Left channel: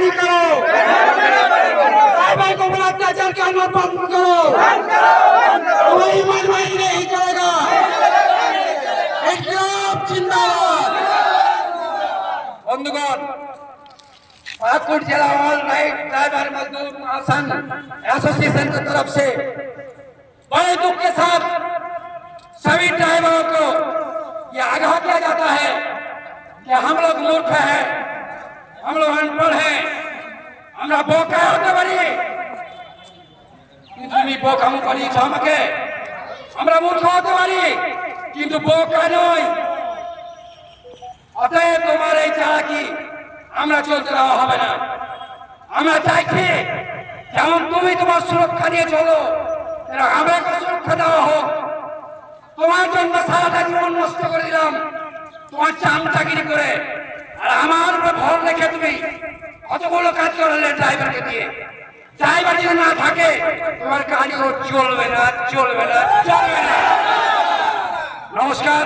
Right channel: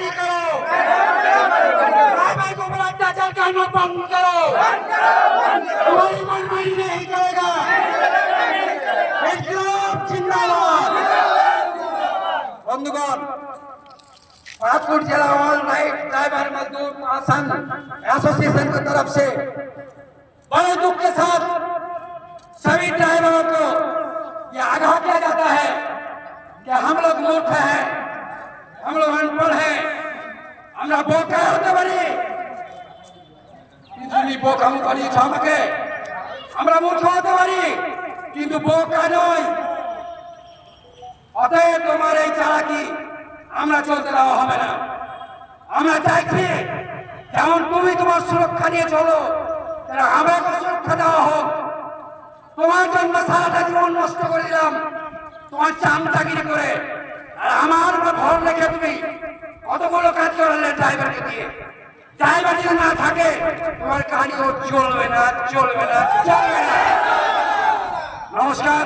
बेदखली करो, ड्राइवर को बड़ा अत्याचार करना बंद करो, कोई मनमानी नहीं करेगा। इंकलाब जिंदाबाद। बंधुगण, पाकुड़ जिला ऑल नाइट ड्राइवर मजदूर महासंघ एसोसिएशन की तरफ से बड़े दुख के साथ सभी ड्राइवरों को यह आगाह किया जाता है कि हम लोग मूर्ख हैं, हम लोग अनपढ़ हैं, हमरा बोका होते बड़ी তুমি বোকা মুখি আমাকে আমরা মূর্খ হতে পারি কিন্তু বোকা নই। অতএব তোমার এই চালাকি আমরা চলতে দেওয়া হবে না। আমরা চাইছি যেমন তুমি তোমার সুরক্ষা নিয়ে চলো, আমরা সুরক্ষা দেওয়া হোক। তোমার জন্য সারাটা জীবন নষ্ট করে দিলাম তোমার চামচাগিরি করে, আর আমার উপর ভর রেখে তুমি কতগুলো কাজ করলে ড্রাইভারকে দিয়ে। ড্রাইভার যদি না থাকে তোমার গাড়িও চলবে না, চলবে না, চলবে না। নমস্কার।